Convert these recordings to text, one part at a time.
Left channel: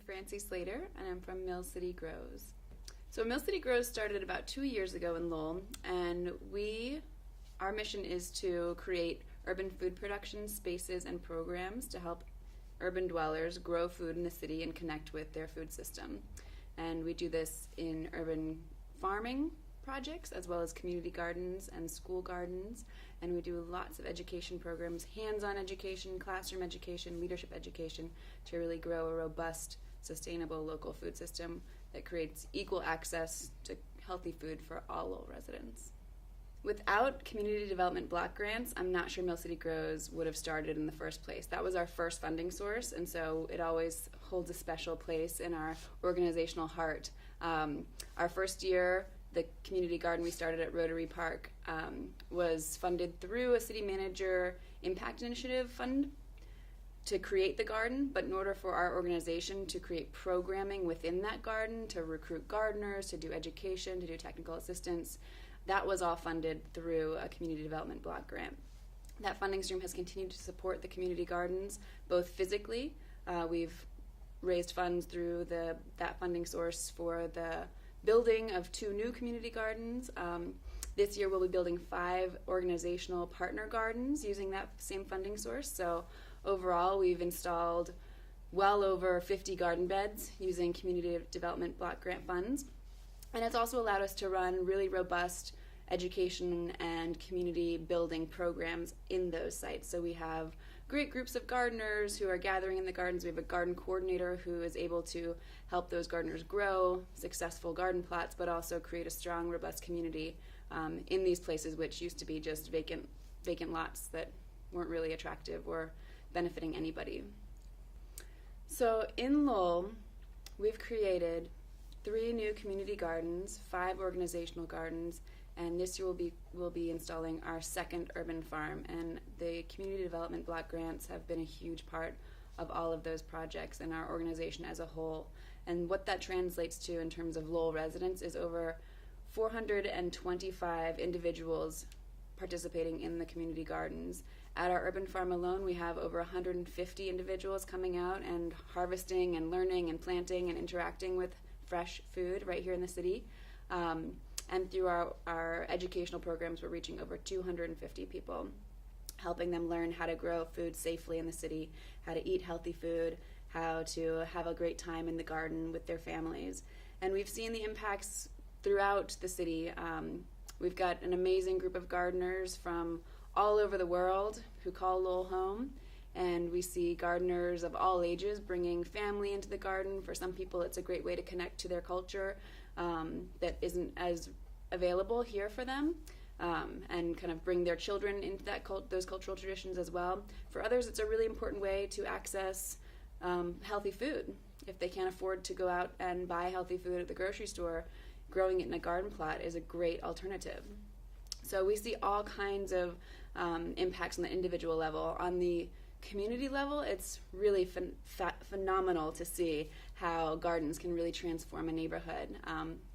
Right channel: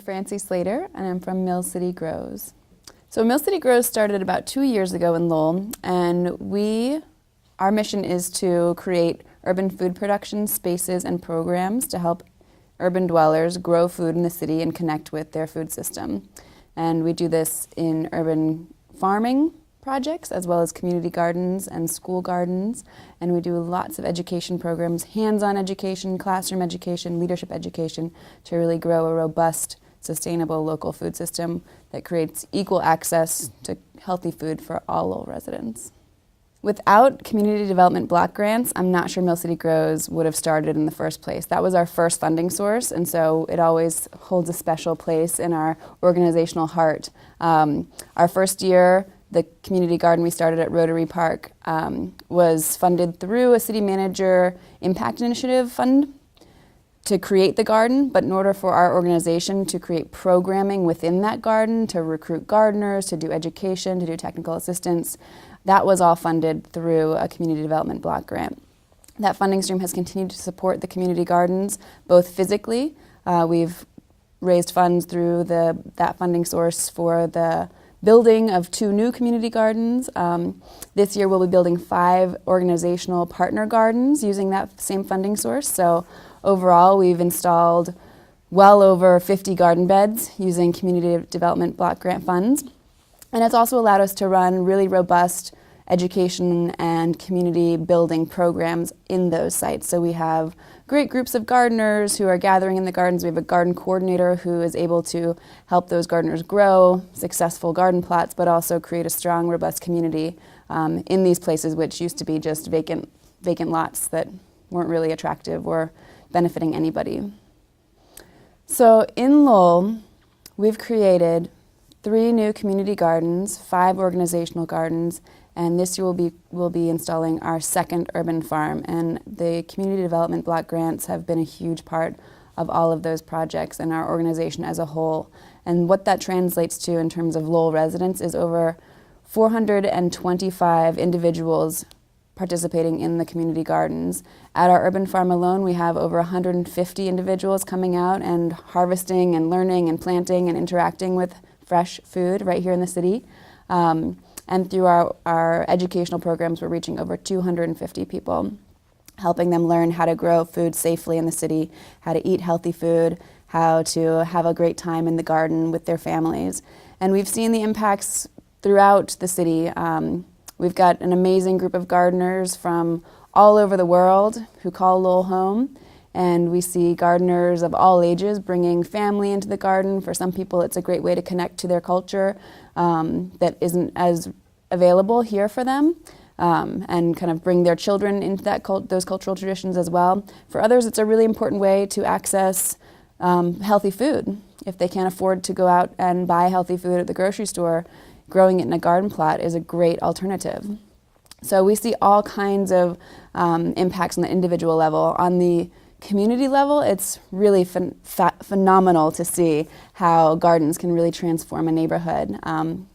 Francie Slater, and I'm from Mill City Grows. So Mill City Grows started about 2 years ago in Lowell, and our mission is to create urban food production spaces and programs to help urban dwellers grow food in the city and connect with their food system. And we do this in urban farming projects as well as community gardens and school gardens, and we do lots of education programs, hands-on education, classroom education, leadership education, to really grow a robust, sustainable local food system that creates equal access to healthy food for all Lowell residents. Without community development block grants, I'm not sure Mill City Grows would have started in the first place. That was our first funding source, and so it always holds a special place in our organizational heart. Our first year, the community garden we started at Rotary Park was funded through a city manager impact initiative fund to create the garden, but in order for our organization to create programming within that garden, to recruit gardeners, to do education, to do technical assistance, that was all funded through a community development block grant. That funding stream has continued to support the community gardens, both physically. We've raised funds through that funding source for the building of 2 new community gardens. This year we'll be building 5 organizational partner gardens using that same funding source. So overall we've installed well over 50 garden beds using community development block grant funds. And it's also allowed us to run really robust education and community building programs in those sites. So we have great groups of gardeners who are gathering in the gardens. We have a garden coordinator who is able to help those gardeners grow successful garden plots, but also create a strong, robust community in these places which used to be just vacant lots that weren't really attractive or benefiting anybody. So in Lowell, we've created 3 new community gardens, 5 organizational gardens, and this year we'll be installing our 2nd urban farm. And the community development block grants have been a huge part of all of those projects and our organization as a whole. And what that translates to in terms of Lowell residents is over 425 individuals participating in the community gardens. At our urban farm alone, we have over 150 individuals coming out and harvesting and learning and planting and interacting with fresh food right here in the city. And through our educational programs, we're reaching over 250 people, helping them learn how to grow food safely in the city, how to eat healthy food, how to have a great time in the garden with their families. And we've seen the impacts throughout the city. We've got an amazing group of gardeners from all over the world who call Lowell home. And we see gardeners of all ages bringing family into the garden. For some people, it's a great way to connect to their culture that isn't as available here for them, and kind of bring their children into those cultural traditions as well. For others, it's a really important way to access healthy food. If they can't afford to go out and buy healthy food at the grocery store, growing it in a garden plot is a great alternative. So we see all kinds of impacts on the individual level. On the community level, it's really phenomenal to see how gardens can really transform a neighborhood.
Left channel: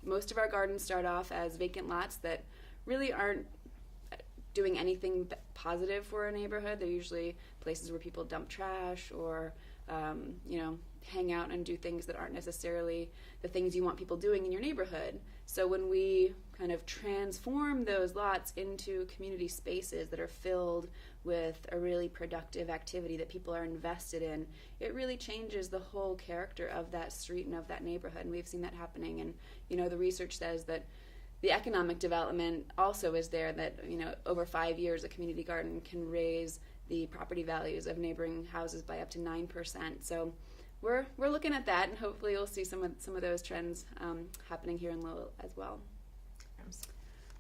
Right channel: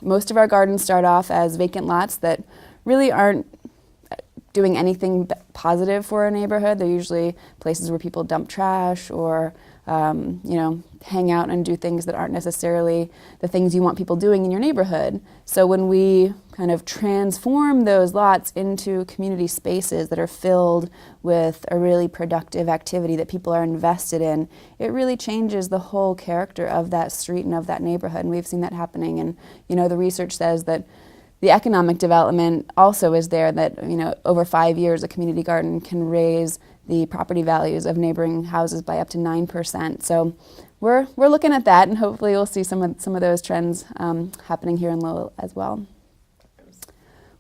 Most of our gardens start off as vacant lots that really aren't doing anything positive for a neighborhood. They're usually places where people dump trash or hang out and do things that aren't necessarily the things you want people doing in your neighborhood. So when we kind of transform those lots into community spaces that are filled with a really productive activity that people are invested in, it really changes the whole character of that street and of that neighborhood. And we've seen that happening. And the research says that the economic development also is there, that over 5 years a community garden can raise the property values of neighboring houses by up to 9%. So we're looking at that, and hopefully we'll see some of those trends happening here in Lowell as well.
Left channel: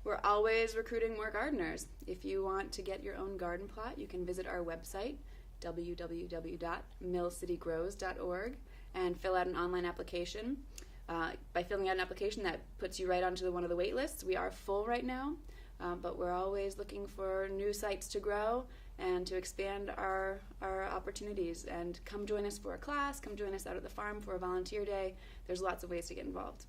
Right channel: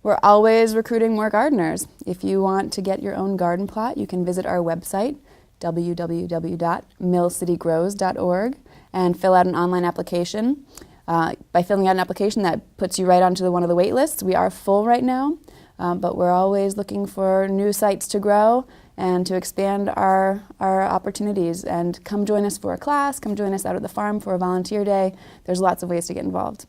We're always recruiting more gardeners. If you want to get your own garden plot, you can visit our website, www.millcitygrows.org, and fill out an online application. By filling out an application, that puts you right onto one of the wait lists. We are full right now, but we're always looking for new sites to grow and to expand our opportunities. And come join us for a class, come join us out at the farm for a volunteer day. There's lots of ways to get involved.